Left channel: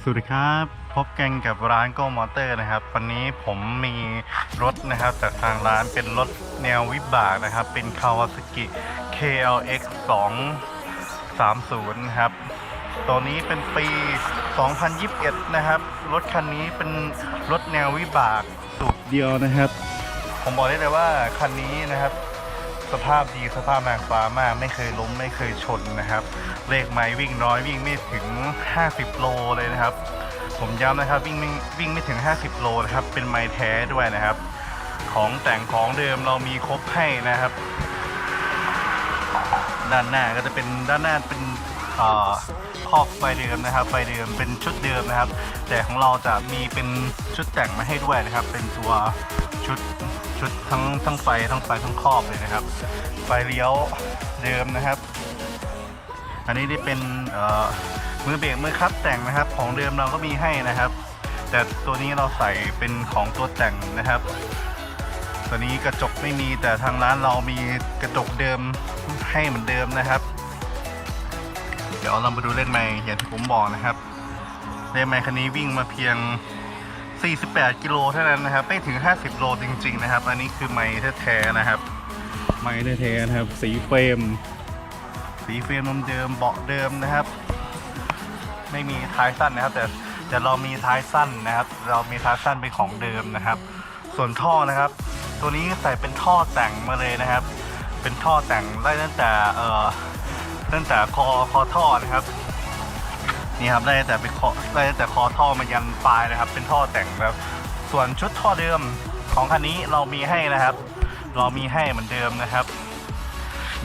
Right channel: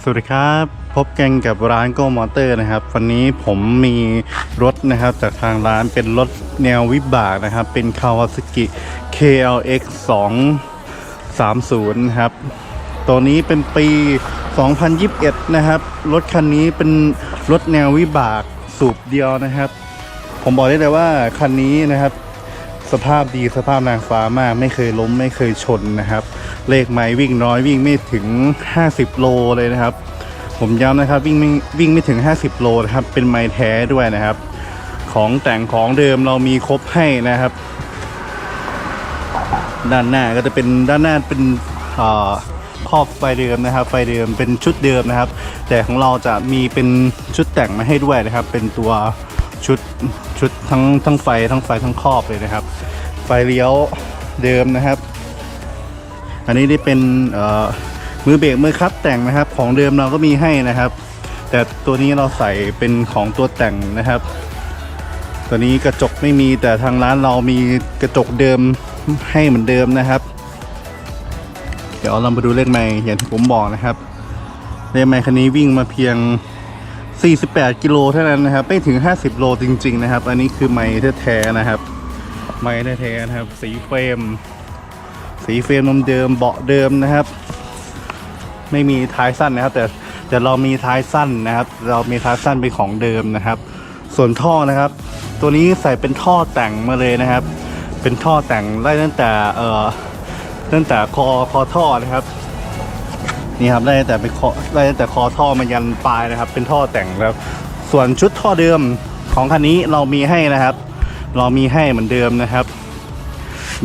สวัสดีครับ พบกันกับร้านโกมอเตอร์นะครับ วันนี้ผมมีรถนะครับจากทางร้านเป็นรถแนววิบากนะครับ เป็น Kawasaki KLX 230นะครับ ตัวนี้เป็นปี 2021 นะครับ รถคันนี้เป็นรถแนววิบากสูบเดียวนะครับ ผมบอกได้เลยว่าคันนี้นะครับ สภาพดีสภาพนางฟ้ามาก ไม่เคยล้มไม่เคยชนนะครับ เลขไม้วิ่งน้อยวิ่งไม่ถึง 50 โลเลยนะครับ ผมย้ำนะครับวิ่งไม่วิ่งไม่ถึง 50 โลนะครับ เป็นไม้แท้ด้วยนะครับ ของแต่งของเดิมเรามีครบให้นะครับ ด้านหน้าก็จะเป็นด้านหน้าเป็นอ่าครอบไฟเดิมนะครับ ไฟเดิมเป็นชุดเดิมนะครับ แต่ของเราจะมีเป็นชุดแต่งมาให้ด้วยนะครับ เป็นตัว ชุดชุดทั้งทั้งไฟทั้งไฟทั้งครอบเลยนะครับ ไฟเลี้ยวเดิมนะครับ อันนี้ได้เป็นมือเบรกมือคลัตช์แต่งนะครับ ของเดิมเราก็มีให้นะครับ แต่ตัวนี้เราใส่เป็นของตัวแต่งนะครับ ตัวนี้กระจกไม่มีแต่ทางร้านเรามีกระจกเดิมให้เหมือนเดิมนะครับ เดี๋ยวเรามาดูเลขไมล์อย่างที่ผมบอกนะครับ เลขไมล์คันนี้วิ่งมาเพียง 48 กิโลเท่านั้นนะครับไม่ถึง 50 โลจริง ๆ นะครับ อันนี้คือไมล์แท้ๆนะครับ ไมล์แท้ๆนะครับ สีเฟรม สีเฟรมเดิมเบาะเดิมนะครับ ไม่มีท้ายสั้นนะครับ แต่แต่เรามีท้ายสั้นนะครับ เรามีท้ายสั้นเป็นของเดิมนะครับ ส่วนท่อนะครับ ตัวนี้ใส่เป็นท่อแต่งมาเลยนะครับ เป็นท่อแต่งไล่ตั้งแต่เอ่อตั้งแต่คอคอท่อนะครับ นี่ครับไล่แต่เป็นคอไล่แต่คอท่อมายันปลายนะครับ เป็นท่อแต่งแล้วส่วนชุดท่อเดิมของคันนี้เรามีให้นะครับ เรามีให้เหมือนเดิมนะครับ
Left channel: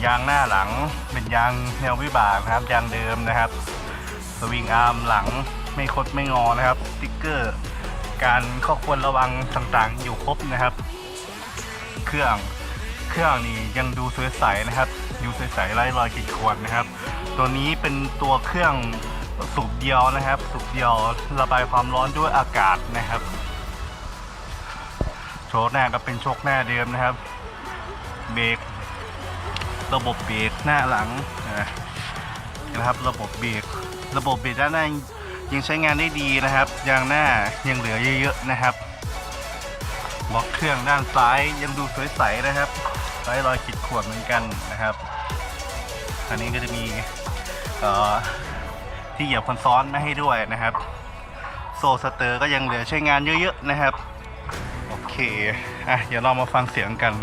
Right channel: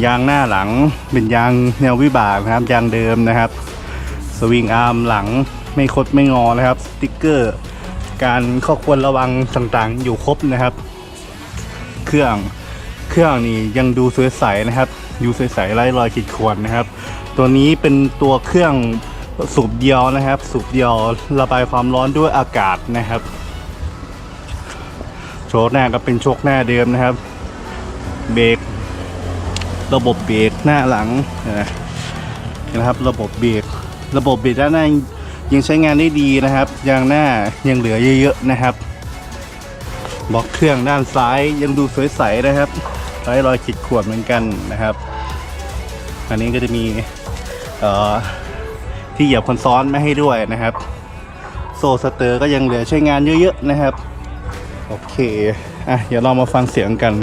ยางหน้าหลังเป็นยางแนววิบากนะครับยางเดิมนะครับ สวิงอาร์มหลังไม่คดไม่งอนะครับสติ๊กเกอร์ การข้อควรระวังต่างๆ อยู่ครบนะครับ เครื่องเครื่องนี่ยังดูสวยใสนะครับดูสวยใสไร้รอยขีดข่วนนะครับ ตัวนี้เป็นตัวเครื่อง สูบเดียวนะครับ สูบเดียวระบายความร้อนด้วยอากาศนะครับ โชคหน้าก็เป็นโชคหน้าเดิมนะครับ เบรกระบบเบรกหน้าหลังนะนะครับ ระบบเบรกระบบเบรกด้านหน้ายังใช้งานได้ดีนะครับยางหน้ายังเหลือเยอะๆนะครับบล็อกเครื่องด้านซ้ายยังดูสวยใสนะครับไร้รอยขีดข่วนเหมือนกันนะครับ อันนี้ก็จะมีเอ่อ ที่เหยียบคนซ้อนไม่ให้ด้วยนะครับ โซสเตอร์ก็ยังเหลือใช้งานเยอะๆนะครับ โอเคอะเดี๋ยวเรามาฟังเสียงกัน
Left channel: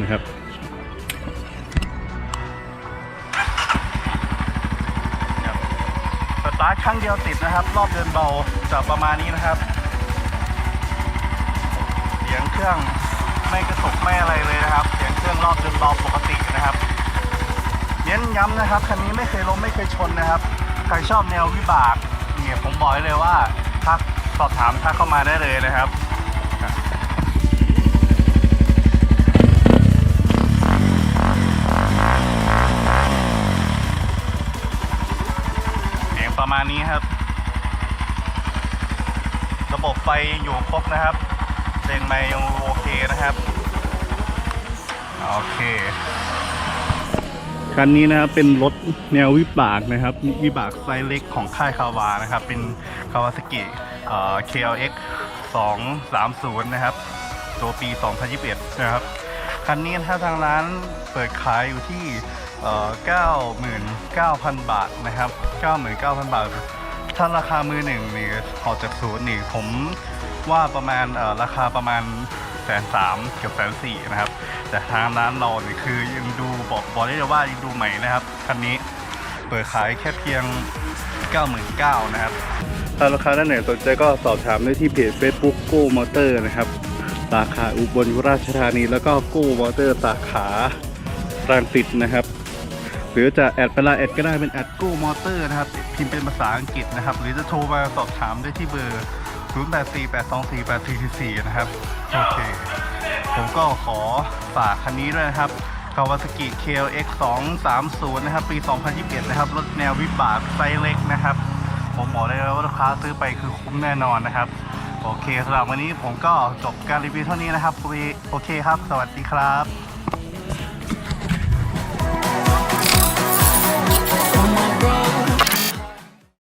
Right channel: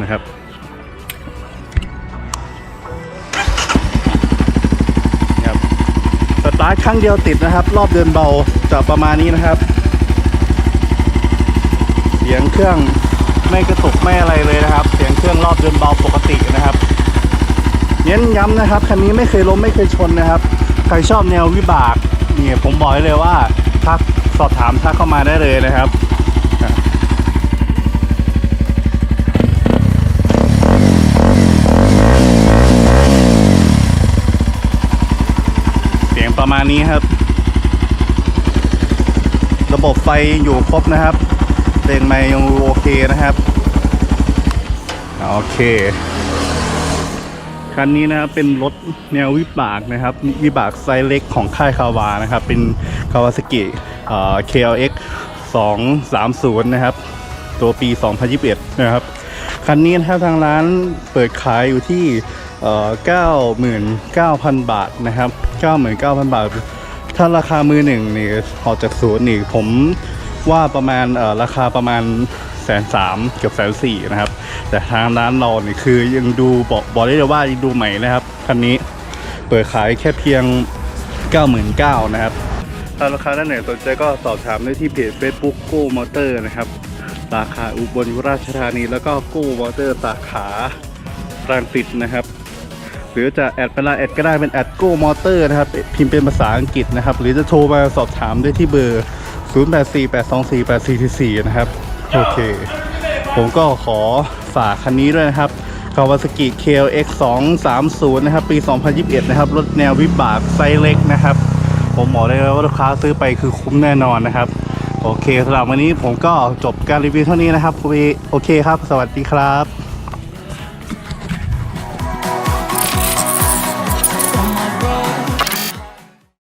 นะครับสตาร์ทครั้งเดียวติดนะครับ รอบเดินเบาจะประมาณนี้นะครับ เสียงเครื่องไม่กระตุกไม่อะไรเลยนะครับ เสียงเครื่องรอบเดินเบาปกตินะครับ น้นย้ำนะครับคันนี้ไม่เคยล้มไม่เคยชนนะครับ ใครชอบแนววิบากเนี่ยผมบอกไว้เลยว่าทักสอบถามทักเข้ามาได้เลยนะครับเสียงประมาณนี้ครับ ระบบไฟอยู่ครบนะครับเลนไม่ยังโอเคนะครับ โอเค คันนี้นะครับเป็นรถแนววิบากนะครับ วิบากไซส์เล็กของค่ายคาวานะครับ เป็นคาวาสกิเอ่อ KLX 230 นะครับ ตัวปี 2021 นะครับ คันนี้นะครับทางร้านเปิดขายอยู่ที่เอ่อ99,000 บาทนะครับ 99,000 บาท ถ้าราคามือหนึ่งนี่ออกจากศูนย์นี่ผมว่าประมาณเอ่อราคาประมาณ แสนสามเกือบแสนสี่นะครับ แต่ทางร้านเราเนี่ยคือยังดูบอกบอกได้เลยว่ายังดูใหม่นะครับคันนี้เปิดขายแค่เพียง 99,000นะครับ ถ้าราคาด้านไหนสนใจก็สอบถามได้ที่เพจ Facebook Go Motor นะครับสาขาอุบลราชธานี แล้วก็ Go Motor สาขารังสิตนะครับ หรือจะแอดไปไลน์แอดก็ได้เป็นแอด Go Motor นะครับ พิมพ์เป็นภาษาอังกฤษนะครับ หรือจะโทรมาสอบถามได้ที่เบอร์ 0848248444 นะครับ โอเค ผมก็ขอฝากคันนี้ด้วยนะครับ Kawasaki KLX 230 นะครับ ปี 2021 นะครับ รถแนววิบากไซส์เล็กนะครับ ผมบอกได้เลยว่าลูกค้าซื้อไปคือคุ้มแน่นอนนะครับ โอเคสำหรับวันนี้ผมก็จบการรีวิวเท่านี้นะครับ โอเคครับ สวัสดีครับ